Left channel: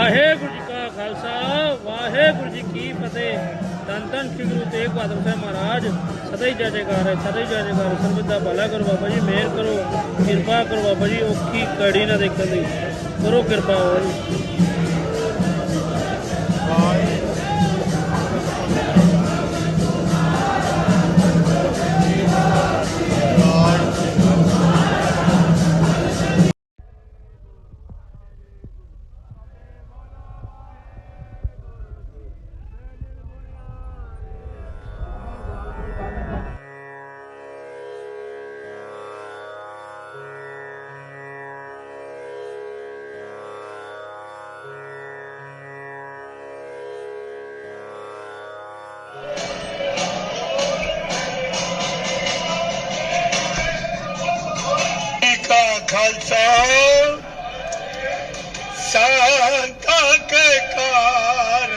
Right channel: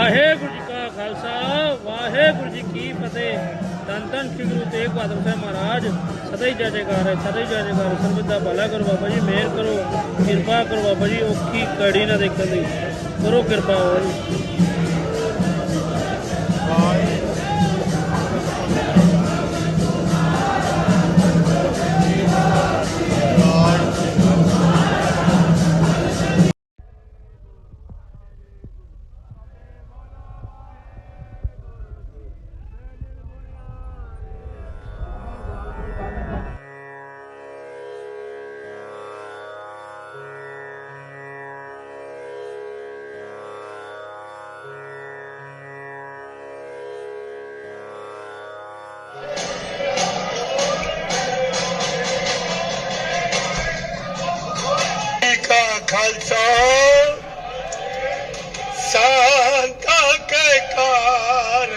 ਵਾਹਿਗੁਰੂ ਜੀ ਕਾ ਖਾਲਸਾ, ਵਾਹਿਗੁਰੂ ਜੀ ਕੀ ਫਤਿਹ। ਧੰਨ ਧੰਨ ਸ੍ਰੀ ਗੁਰੂ ਤੇਗ ਬਹਾਦਰ ਸਾਹਿਬ ਮਹਾਰਾਜ, ਸਦਾ ਹੀ ਜੈ ਜੈਕਾਰ ਹੈ, ਸਦਾ ਹੀ ਜੈ ਜੈਕਾਰ ਸਰਬਤ ਦਾ ਭਲਾ ਕਰੋ ਬਾਬਾ ਜੀ, ਮਿਹਰ ਕਰੋ, ਕਿਰਪਾ ਕਰੋ ਬਾਬਾ ਜੀ, ਔਖੀ ਕੜੀ ਨਾ ਦੇਖਣ ਦੀ। ਕਰੋ ਕਿਰਪਾ ਹੋਰ। कार کار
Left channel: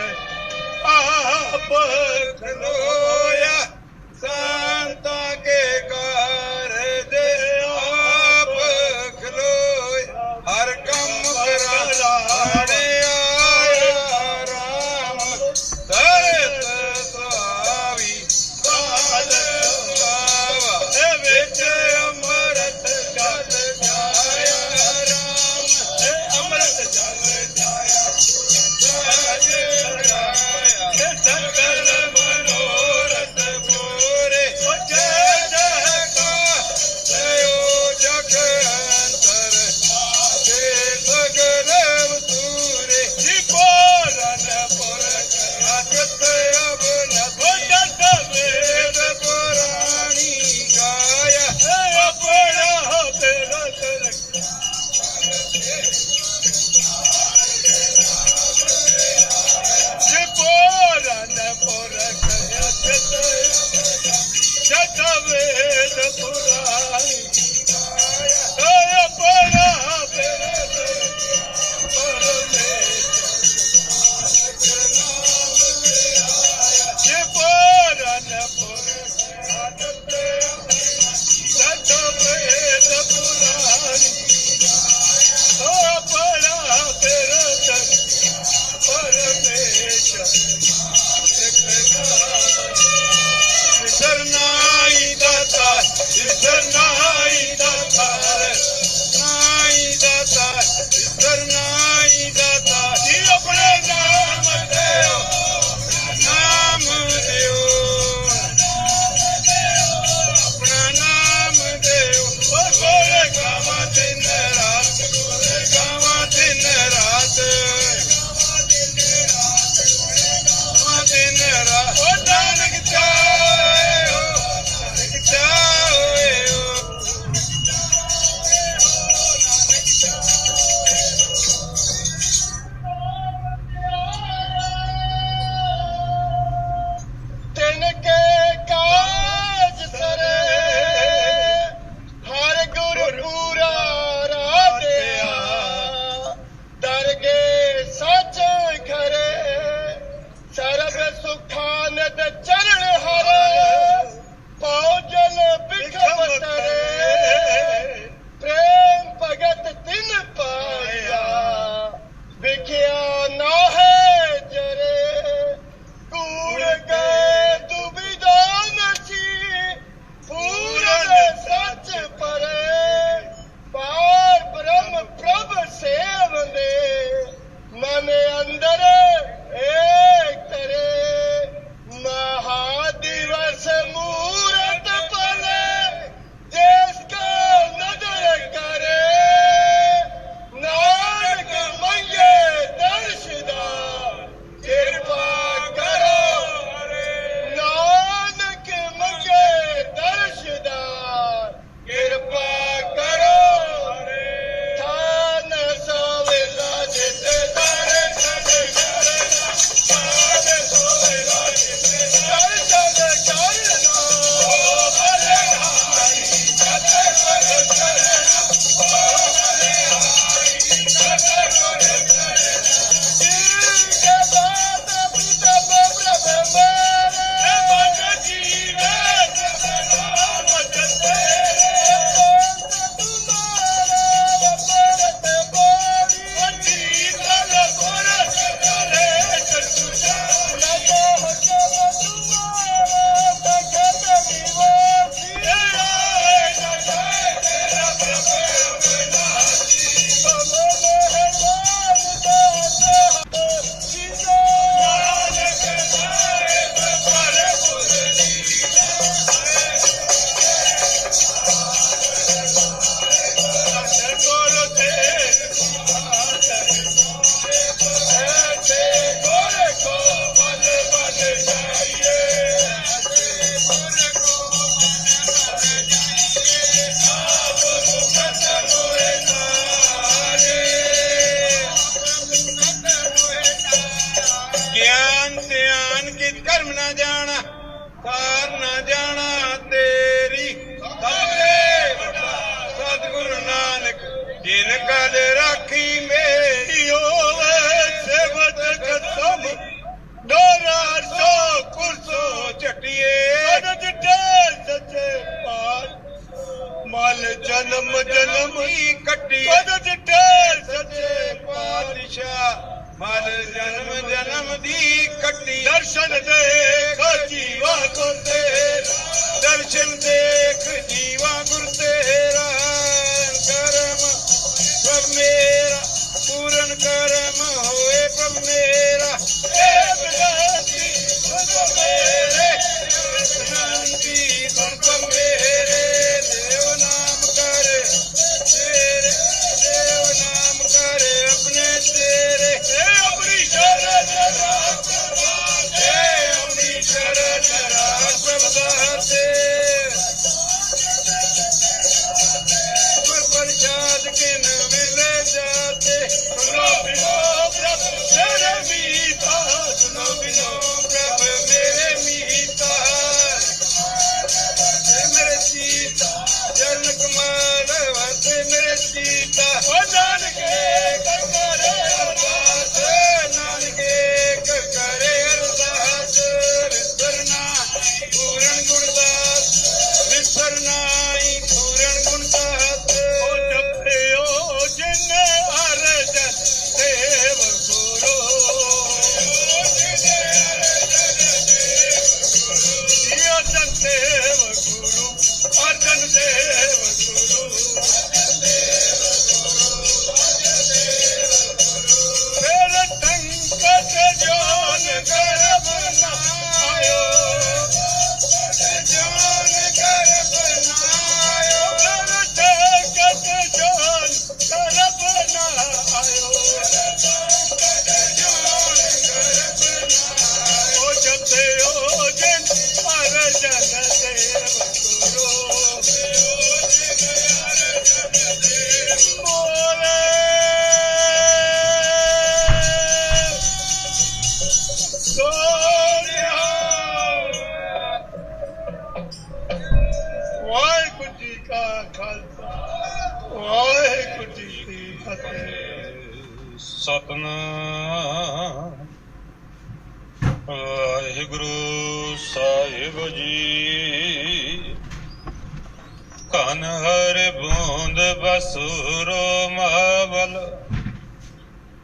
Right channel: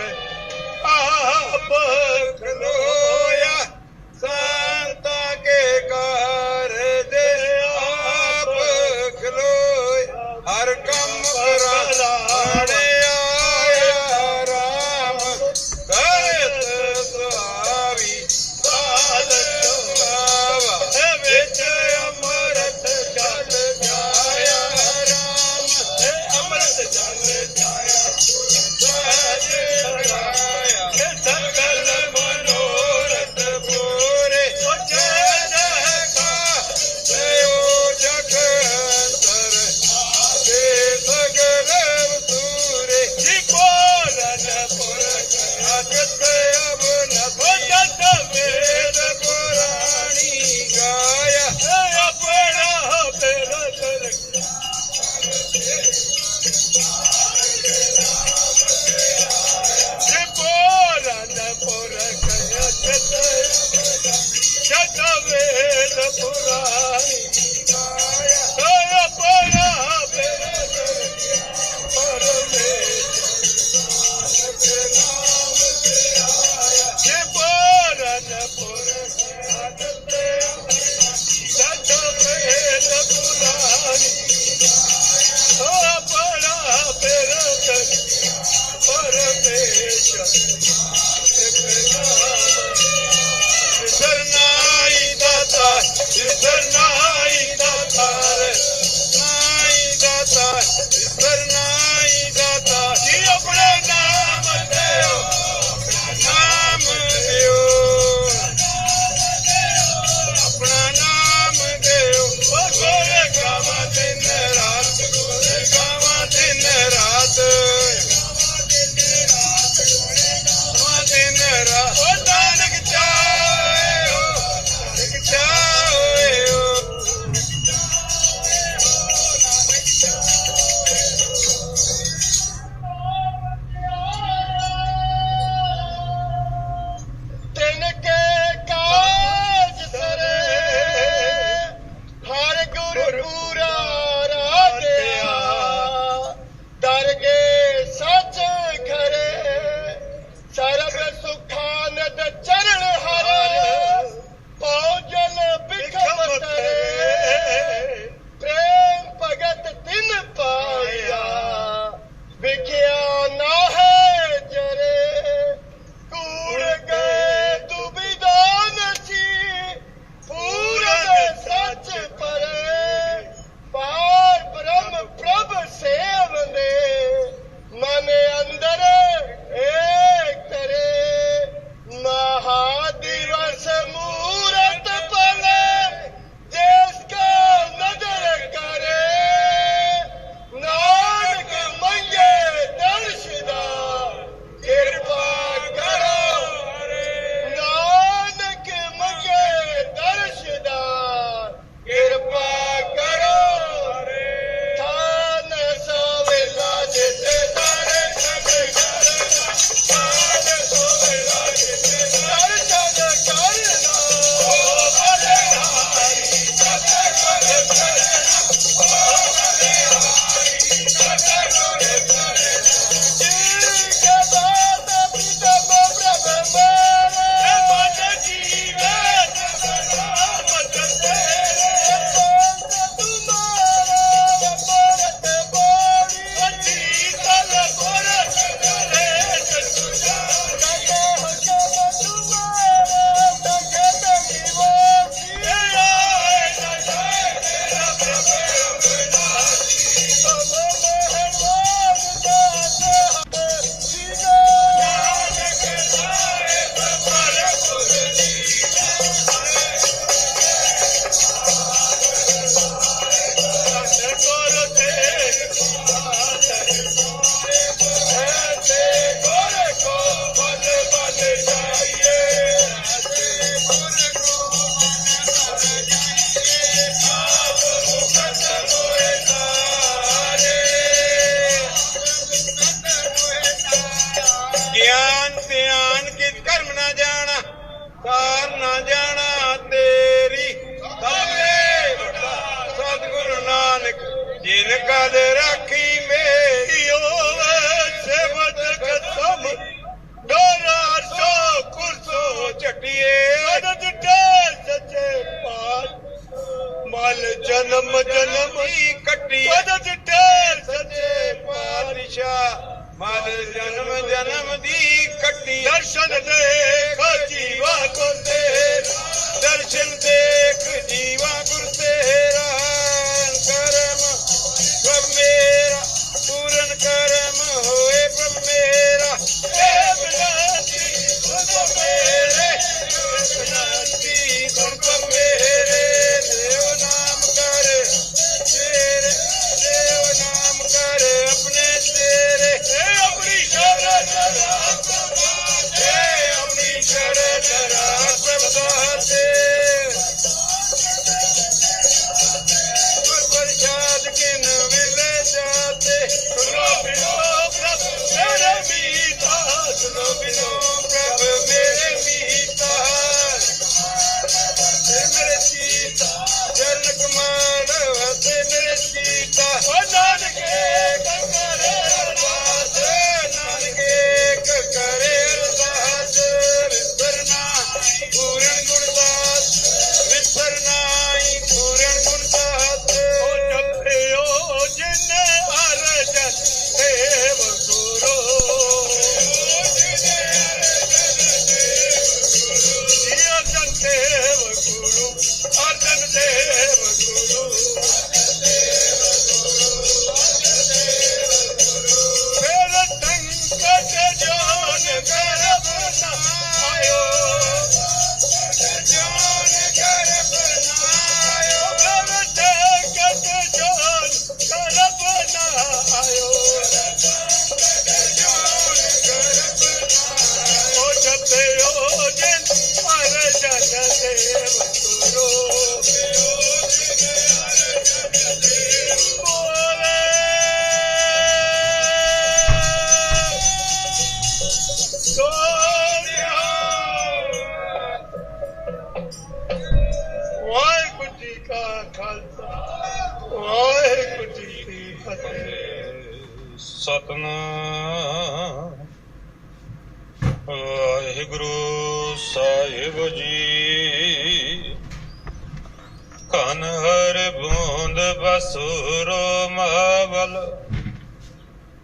ਮਲ ਜਨਮ ਜਨਮ ਹੀ ਕੱਟੀ। ਤਦ ਜਿੱਟੇ ਸੱਚੇ ਪਾਤਸ਼ਾਹ। ਮਲ ਜਨਮ ਜਨਮ ਦੀ ਕੱਟੀ। ਦਰਸ਼ਨ ਦੇਖ ਜੀਵਾ ਕੋ ਤੇਰਾ। ਦਰਸ਼ਨ ਦੇਖ ਜੀਵਾ ਗੁਰ ਤੇਰਾ।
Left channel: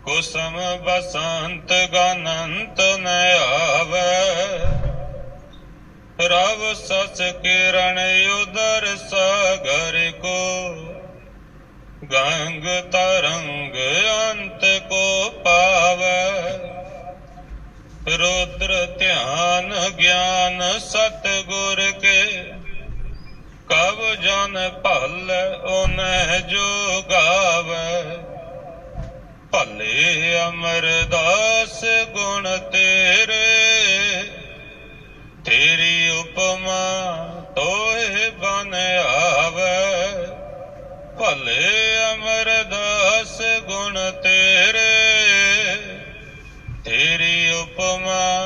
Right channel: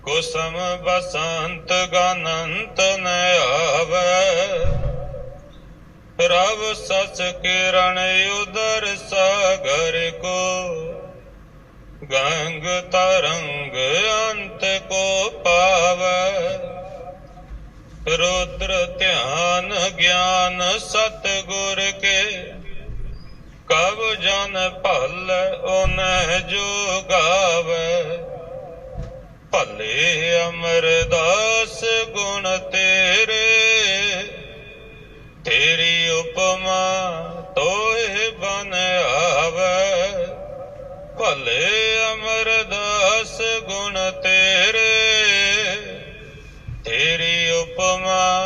ਕੁਸਮ ਬਸੰਤ ਗਨੰਤ ਨ ਆਵੇ। ਰਵ ਸਸ ਕਿਰਣ ਉਦਰ ਸਾਗਰ ਕੋ। ਗੰਗ ਤਰੰਗ ਅੰਤ ਕੋ ਪਾਵੈ। ਰੁਦਰ ਧਿਆਨ ਗਿਆਨ ਸਤ ਗੁਰ ਕੇ। ਕਬ ਜਨ ਭਲ ਓਨਹਿ ਜੋ ਗਾਵੈ। ਭਲੇ ਅਮਰਦਾਸ ਗੁਣ ਤੇਰੇ, ਤੇਰੀ ਉਪਮਾ ਤੋਹਿ ਬਨ ਆਵੈ। ਭਲੇ ਅਮਰਦਾਸ ਗੁਣ ਤੇਰੇ, ਤੇਰੀ ਉਪਮਾ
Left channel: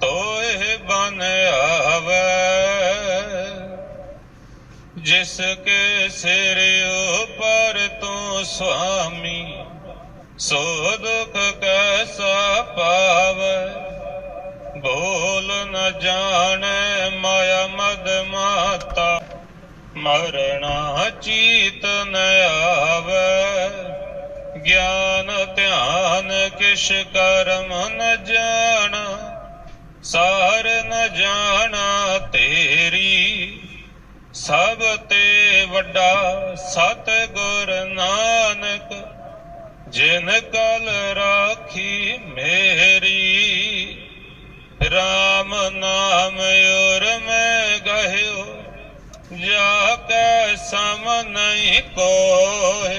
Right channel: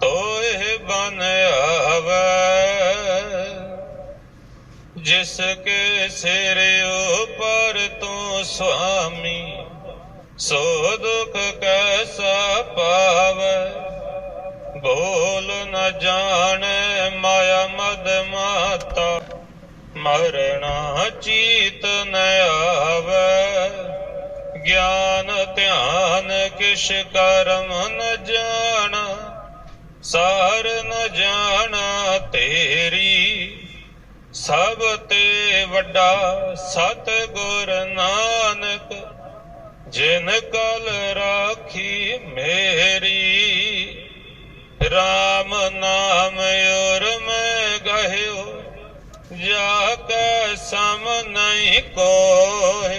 ਤੋਹਿ ਬਨ ਆਵੈ। ਜਿਸ ਕੇ ਸਿਰ ਉਪਰ ਤੂੰ ਸੁਆਮੀ ਸੋ ਦੁਖ ਕੈਸਾ ਪਾਵੈ? ਬੋਲ ਨ ਜਾਣੈ ਮਾਇਆ ਮਦ ਮਾਤਾ। ਮਰਣਾ ਚੀਤ ਨ ਆਵੈ। ਗਿਆਨ ਧਿਆਨ ਕਿਛ ਕਰਮ ਨ ਜਾਣਾ। ਸਾਰ ਨ ਜਾਣਾ ਤੇਰੀ। ਸਭ ਤੇ ਵੱਡਾ ਸਤ ਗੁਰ ਨਾਨਕ। जिन कल राखी मेरी, राम नाम और मैं गयो जाकर सम नहीं कोय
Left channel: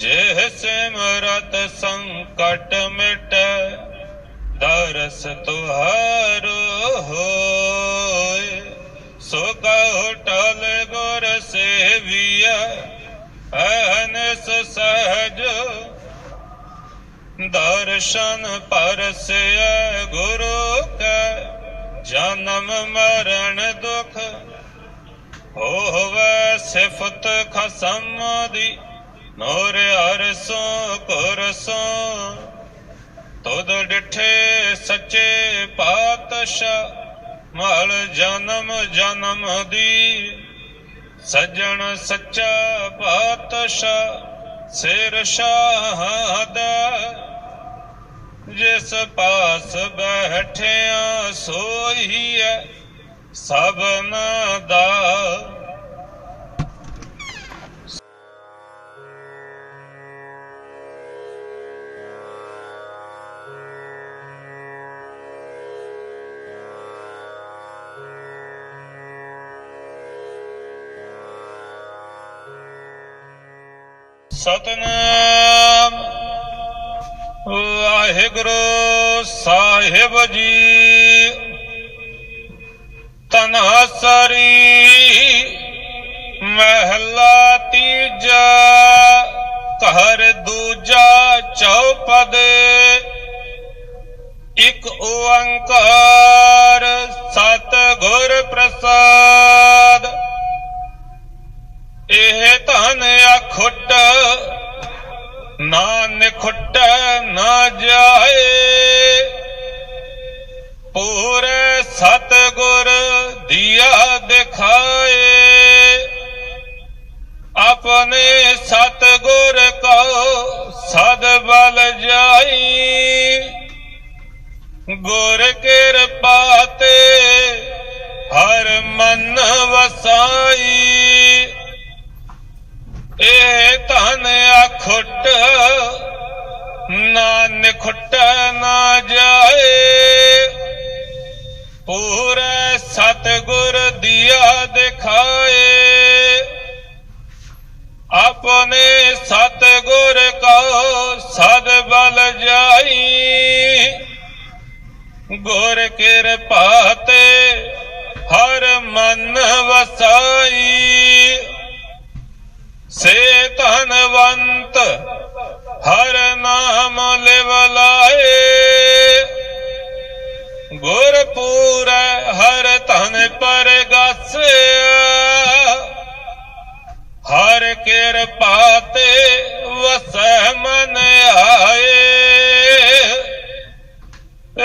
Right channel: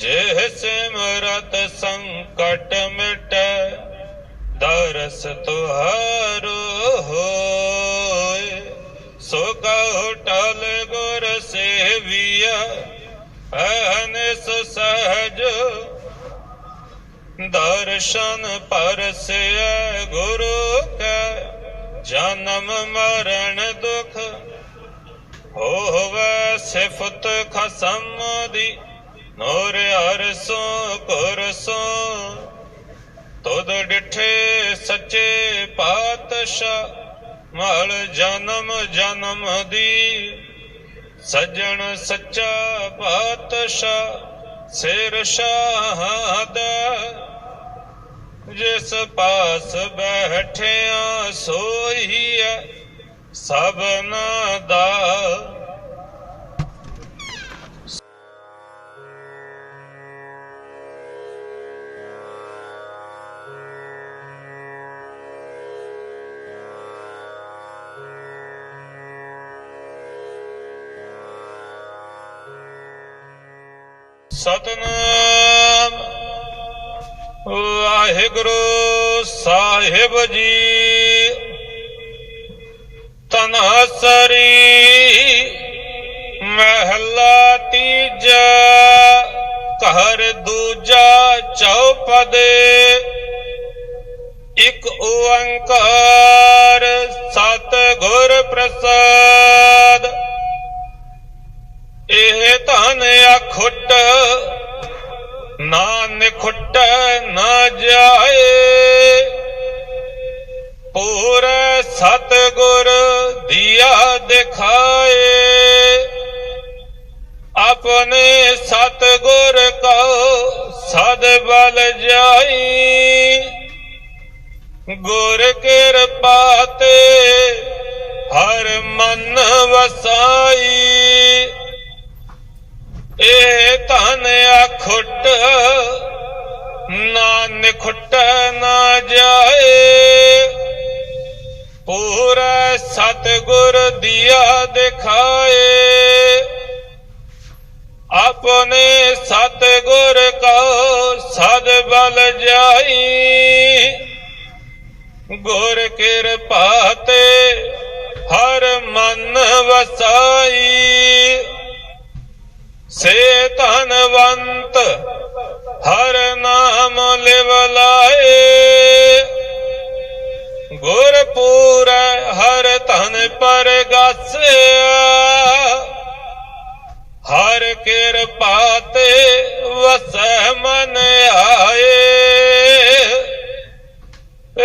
जे सिमरत संकट मिट, दरस तुहारो हो सुकटल गुर सेविया अहन सुसहज ਦਰਸ਼ਨ ਪਰਸਿਐ ਗੁਰੂ ਕੈ, ਜਨਮ ਮਰਨ ਦੁਖ ਹੋਵੇ ਸਿਫਤ ਖਸਮ ਦੀ ਨੋਰ ਅਰਸੋ ਕੁਰਸੋ ਤੁਧ ਡਿਠੇ ਸੱਚੇ ਪਾਤਸ਼ਾਹ, ਮਲ ਜਨਮ ਜਨਮ ਦੀ। ਸੱਜਣ ਸੱਚਾ ਪਾਤਸ਼ਾਹ, ਸਿਰ ਸ਼ਾਹਦਾ ਜਿਸ ਪਾਸ ਬੈਠਿਆ ਸੋਈ ਹੈ ਸਭਨਾ ਦਾ। ਸਤਨਾਮ ਵਾਹਿਗੁਰੂ ਸਾਹਿਬ ਜੀ ਤਨਸਰੀ ਮਹਿਲਾ ਤੀਜਾ, ਘਰ ਦੂਜਾ ਚੌਪਦੇ, ਇਕ ਓੰਕਾਰ ਸਤ ਗੁਰ ਪ੍ਰਸਾਦ। ਇਹ ਧਨ ਅਖੁੱਟ ਨਾ ਨਿਖੁੱਟ ਨਾ ਜਾਏ। ਪੂਰੇ ਸਤ ਦੀਆ ਦਿਖਾਏ। ਆਪਣੇ ਸਤ ਗੁਰ ਕੋ ਸਦ ਬਲ ਜਾਈ। ਗੁਰ ਕਿਰਪਾ ਤੇ ਹਰ ਮਨ ਵਸਾਈ। ਇਹ ਧਨ ਅਖੁੱਟ ਨਾ ਨਿਖੁੱਟ ਨਾ ਜਾਏ। ਪੂਰਾ ਸਤਗੁਰ ਦਿਆ ਦਿਖਾਏ। ਆਪਣੇ ਸਤਗੁਰ ਕੋ ਸਦ ਬਲ ਜਾਈ। ਗੁਰ ਕਿਰਪਾ ਤੇ ਹਰ ਮਨ ਵਸਾਈ। ਸੇ ਧਨਵੰਤ, ਹਰ ਨਾਮ ਲਿਵ ਲਾਏ। ਗੁਰ ਪੂਰੈ ਹਰ ਧਨ ਪਰ ਗਾਸਿਆ ਹਰ ਕਿਰਪਾ ਤੇ ਵਸੈ ਮਨ ਆਏ।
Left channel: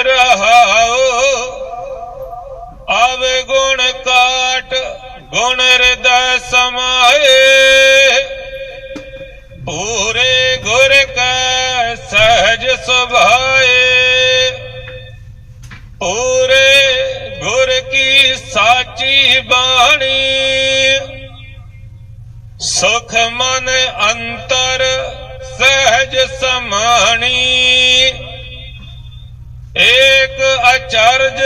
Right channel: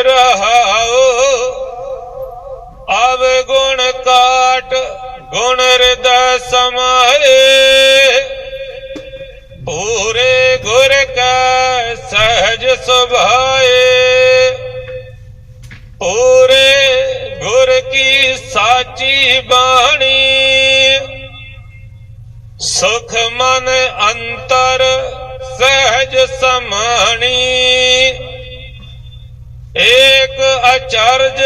ਰਹਾਓ ਆਵ ਗੁਣ ਕਾਟ, ਗੁਣ ਹਿਰਦੈ ਸਾਚੀ ਬਾਣੀ। ਸੁਖ ਮਨ ਅੰਤਰ ਸਹਿਜ ਸਮਾਣੀ। ਏਕ ਅਚਰਜ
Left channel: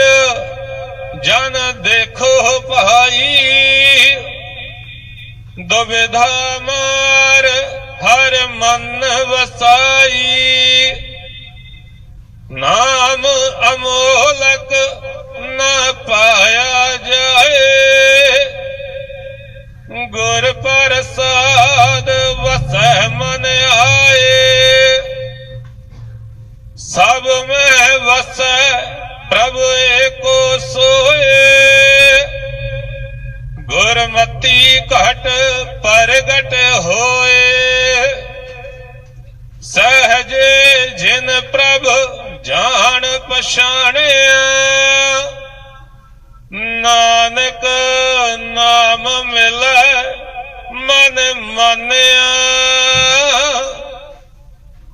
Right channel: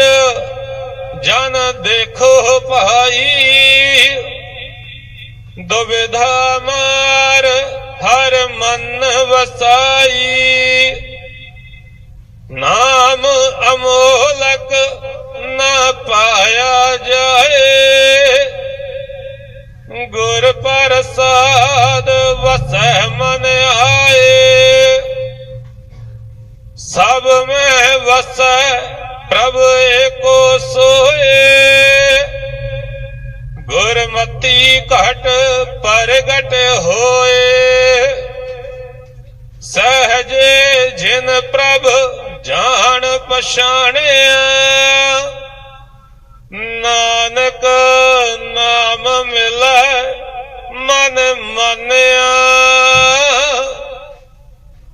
ਜਨ ਦੇਖੋ ਭਾਈ। ਦੁਬਿਧਾ ਮਾਰ ਹਰ ਮਨ ਵਸਾਈ। ਨਾਮ ਅਮੋਲਕ ਪਾਇਆ ਜਾਏ। ਗੁਰ ਪ੍ਰਸਾਦ ਵਸੈ ਮਨ ਆਏ। ਸਭ ਮੈਂ ਵਸੈ ਪ੍ਰਭ ਏਕੋ ਸੋਏ। ਗੁਰਮਤੀ ਘਟ ਪ੍ਰਗਟ ਹੋਏ। ਸਹਜੇ ਜਿਨ ਪ੍ਰਭ ਜਾਣ ਪਛਾਣਿਆ। ਨਾਨਕ ਨਾਮ ਮਿਲੈ ਮਨ ਮਾਨਿਆ।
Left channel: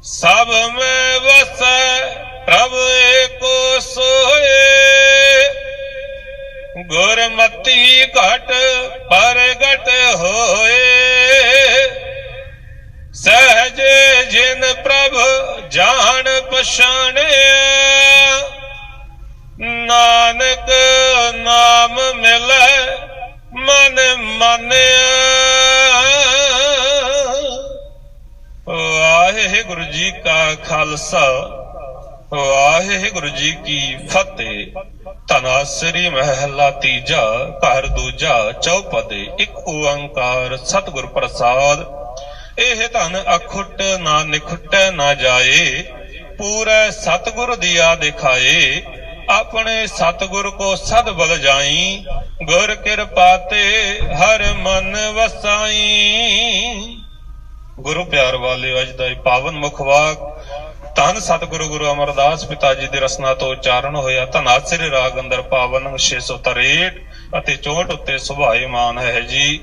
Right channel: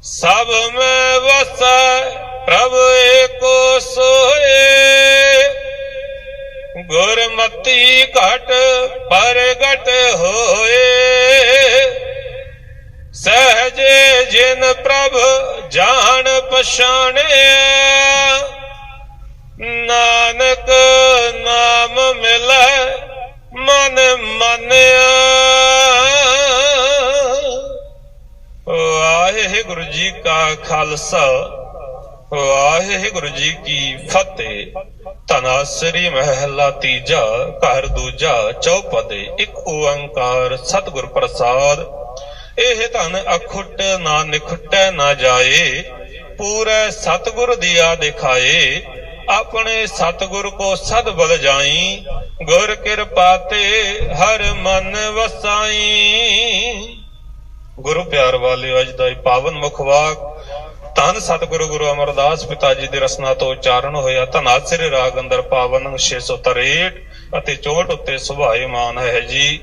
ਸਭ ਮੈਂ ਵਸੈ ਪ੍ਰਭ ਏਕੋ ਸੋਏ। ਗੁਰਮਤੀ ਘਟ ਪ੍ਰਗਟ ਹੋਏ। ਸਹਜੇ ਜਿਨ ਪ੍ਰਭ ਜਾਣ ਪਛਾਣਿਆ ਨਾਨਕ ਨਾਮ ਮਿਲੈ ਮਨ ਮਾਨਿਆ। ਵਾਹਿਗੁਰੂ ਜੀ ਕਾ ਖਾਲਸਾ ਵਾਹਿਗੁਰੂ ਜੀ ਕੀ ਫਤਿਹ। ਤਨਾਸਰੀ ਮਹਿਲਾ ਤੀਜਾ, ਘਰ ਦੂਜਾ, ਚੌਪਦੇ, ਇੱਕ ਓੰਕਾਰ ਸਤਿਗੁਰ ਪ੍ਰਸਾਦ। ਇਹ ਧਨ ਅਖੁੱਟ ਨਾ ਨਿਖੁੱਟੈ ਨਾ ਜਾਏ, ਪੂਰੇ ਸਤਿਗੁਰ ਦੀਆ ਦਿਖਾਏ। ਆਪਣੇ ਸਤਿਗੁਰ ਕੋ ਸਦ ਬਲ ਜਾਈ, ਗੁਰ ਕਿਰਪਾ ਤੇ ਹਰ ਮਨ ਵਸਾਈ। ਗੁਰੂ ਪਿਆਰ ਵਾਲੇ, ਅੱਜ ਦਾ ਇਹ ਪਾਵਨ ਮੁਖਵਾਕ ਧੰਨ ਸਤਿਗੁਰੂ ਗੁਰੂ ਅਮਰਦਾਸ ਪਿਤਾ ਜੀ ਦੇ ਰਸਨਾ ਤੋਂ ਉਚਾਰਨ ਹੋਇਆ। ਧਨਾਸਰੀ ਰਾਗ ਅੰਦਰ ਪਾਵਨ 663 ਅਤੇ 64 ਉੱਤੇ ਸੁਭਾਏਮਾਨ ਹੈ ਜੀ।